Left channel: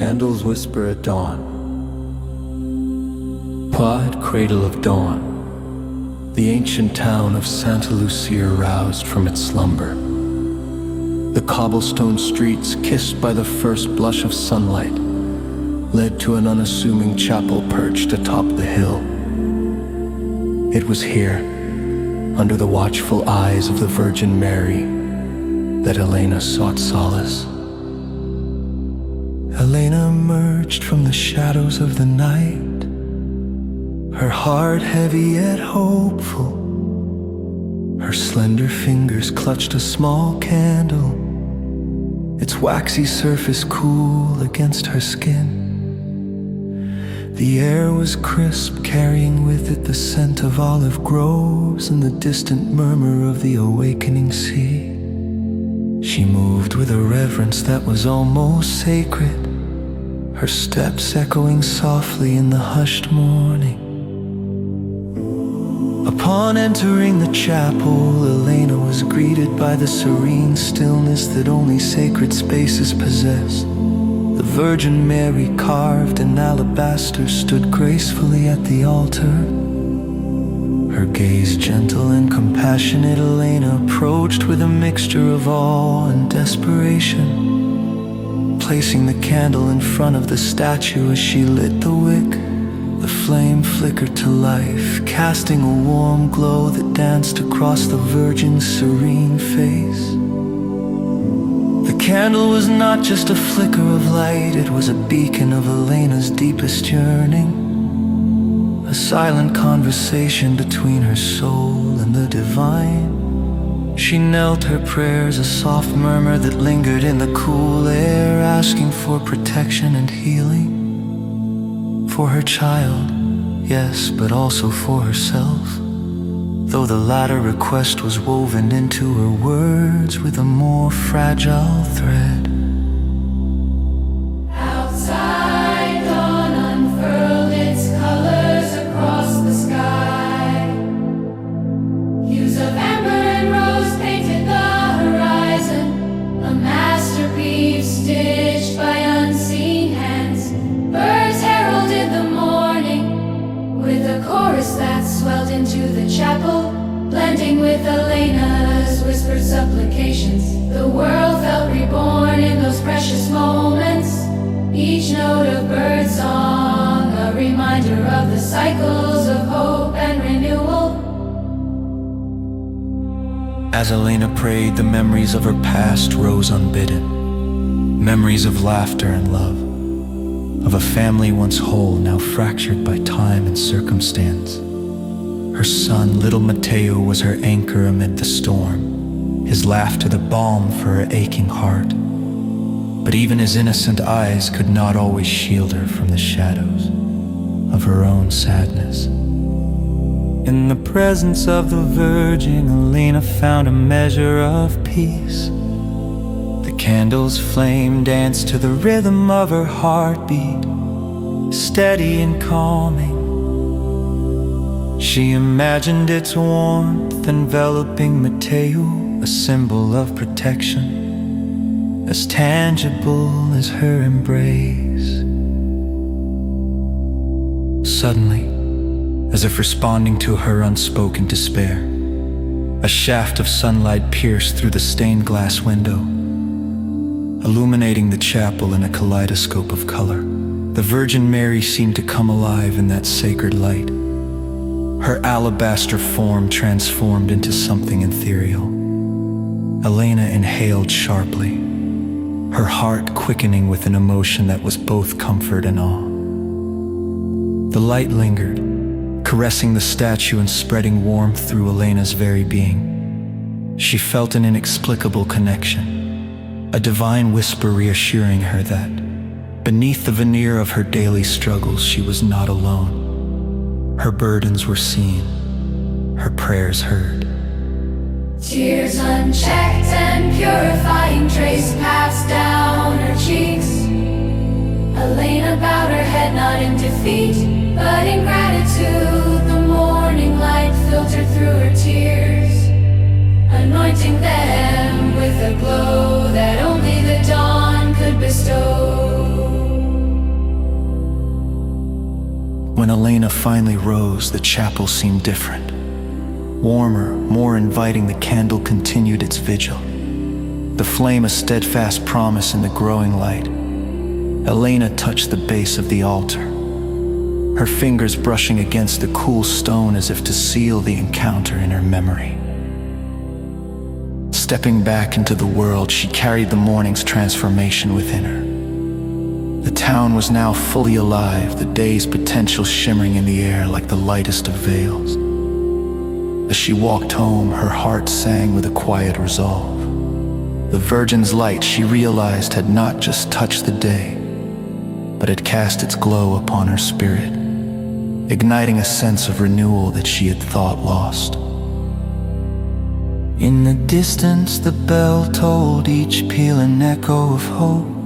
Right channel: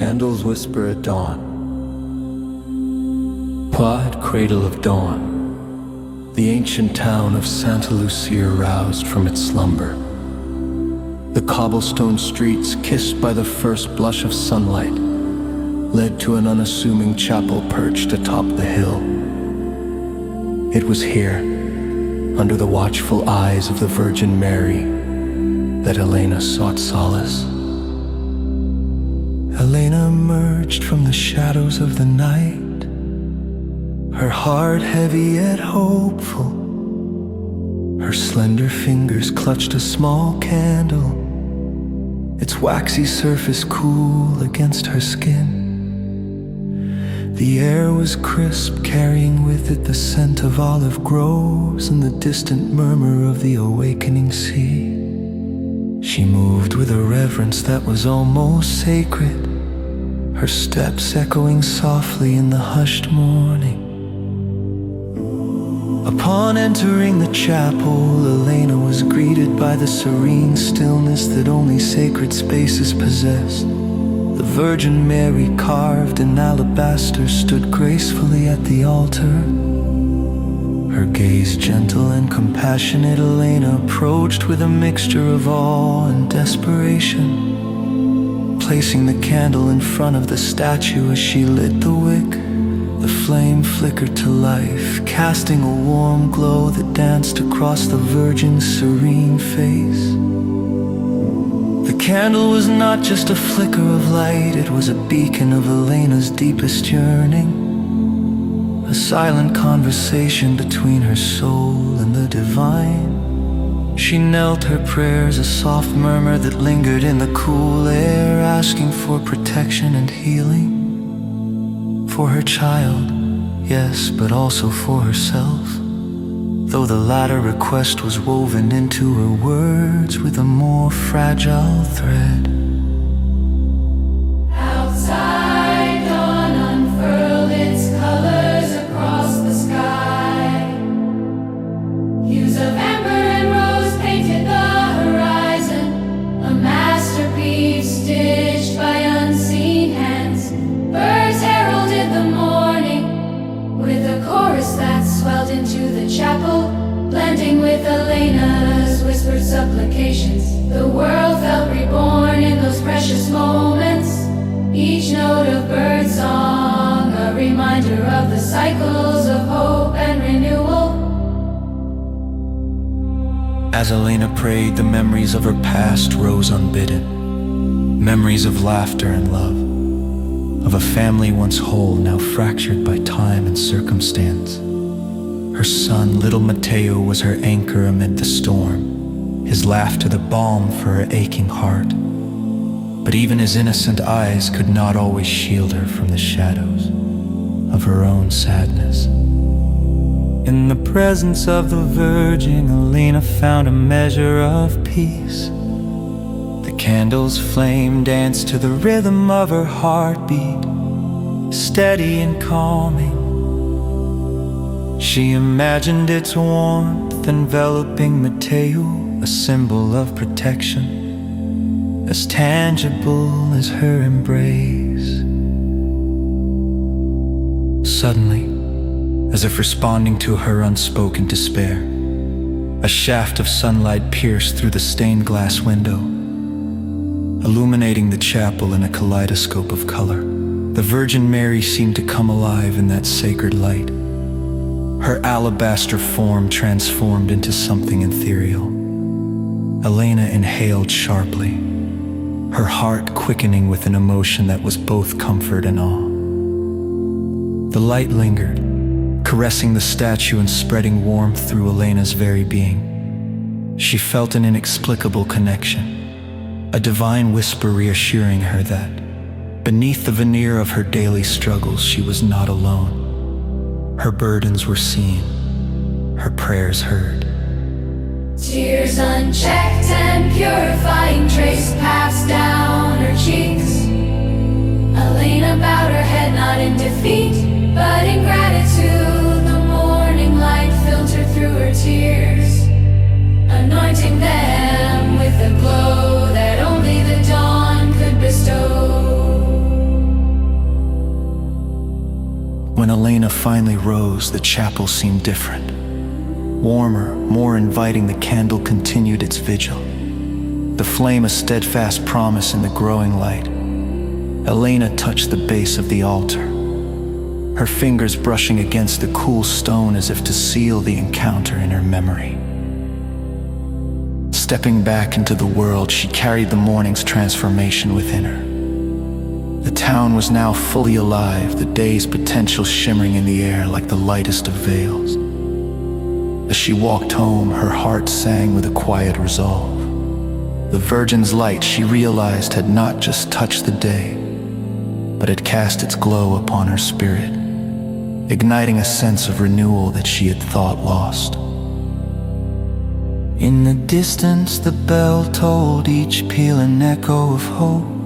Candles whisper at dawn. Quiet cradle of dawn, the ancient town of Santa Lucia roused from its slumber. The cobblestone streets, kissed by the first blush of sunlight, led to an unassuming chapel perched atop the hill. It was here, under the watchful eyes of the Virgin Mary, that Elena sought solace. Elena emerged from the shadows of the night, her heart heavy yet hopeful. Her slender fingers clutched a small candle, its waxy surface cool against her skin. The air was crisp, carrying with it the scent of olive groves and the distant murmur of the awakening sea. She moved with a reverence that was almost sacred, her steps echoing softly in the hushed morning. Upon entering the chapel, Elena was greeted by the serene stillness that only sacred spaces possessed. The Virgin Mary, carved in alabaster, stood gracefully at the altar. Her gaze gentle and compassionate, Elena approached with a mixture of awe and desperation. Placing the candle in front of the statue as she lit the wick, the flame flickered to life, casting a warm glow that danced across the Virgin's serene face. The candle was not just a flicker of light, it was a beacon of Elena's deepest yearning, a silent conversation between her soul and the divine. She knelt, her prayers a soft murmur that lingered in the cool air, asking for protection and healing. For her child, yes, but also for herself, though the latter request was woven into her words with a more fragile thread. Outside, dawn unfurled its colors across the sky. Hues of amber and rose painted the horizon, a masterpiece stitched by unseen hands. Birds heralded the morning with a chorus that swelled into the chapel, blending with Elena's whispered supplications. The world felt reborn in those precious moments, each note of birdsong a reminder of the cycles of hope and renewal. As Elena prayed, the memories of her past rose unbidden. Memories of laughter and love, of a family once whole, now fractured by time and circumstance. Her son, little Matteo, was her anchor amid the storm, his laughter the balm for her aching heart. But even his innocent eyes could not always shield her from the shadows of her own sadness. In the presence of the Virgin, Elena found a measure of peace. The candle's flame danced to the rhythm of her heartbeat, steady and calming. She imagined its warmth enveloping Matteo, a symbol of protection, as tangible as her embrace. Suddenly, as if responding to her unspoken despair, a shaft of sunlight pierced through the stained glass window, illuminating the chapel in a kaleidoscope of color. The Virgin Mary seemed to come alive in that sacred light, her alabaster form transformed into something ethereal. Elena inhaled sharply, her heart quickening with an emotion that was both comfort and awe. The light lingered, caressing the statue and spreading warmth through Elena's very being. She felt an inexplicable connection, a divine whisper reassuring her that, beneath the veneer of her daily struggles, she was not alone. Her burdens were seen, her prayers heard. Tears unchecked and purifying traced paths down her cheeks. Elena bowed her head not in defeat, but in gratitude. The morning light filtered through her tears, anointing them with a glow that only the dawn could bestow. When Elena finally rose, the chapel seemed different. Warmer, more inviting, the candle continued its vigil, the flame a steadfast promise in the growing light. Elena touched the base of the altar, her fingers brushing against the cool stone as if to seal the encounter in her memory. Stepping back into the world, she carried the morning's transformation within her. The town was now fully alive, the day's potential shimmering in the air like the lightest of veils. As she walked home, her heart sang with a quiet resolve. The Virgin's light, she realized, had not just touched the day, but had cast its glow upon her spirit, igniting a sense of renewal that she had thought lost. In the distance, the bell tolled, each peal an echo of hope.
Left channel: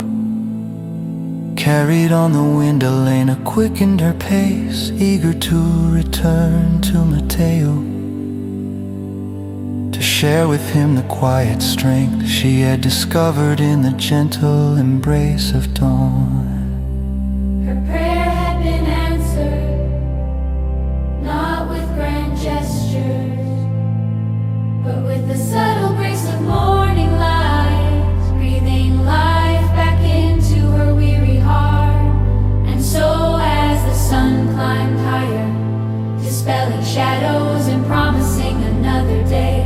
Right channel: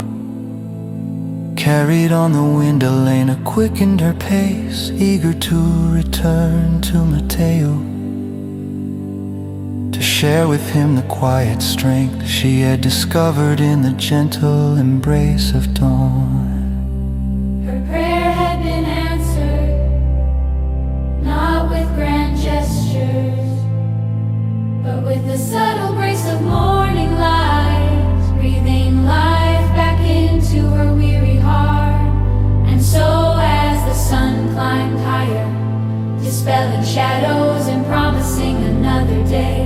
Carried on the wind, Elena quickened her pace, eager to return to Mateo, to share with him the quiet strength she had discovered in the gentle embrace of dawn. Her prayer had been answered, not with grand gestures, but with the subtle grace of morning light, breathing life back into her weary heart. And so as the sun climbed higher, dispelling shadows and promising another day,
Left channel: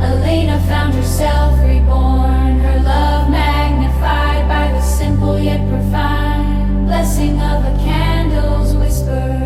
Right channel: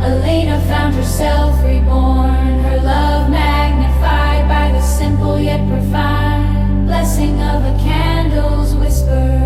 Elena found herself reborn, her love magnified by the simple yet profound blessing of a candle's whisper.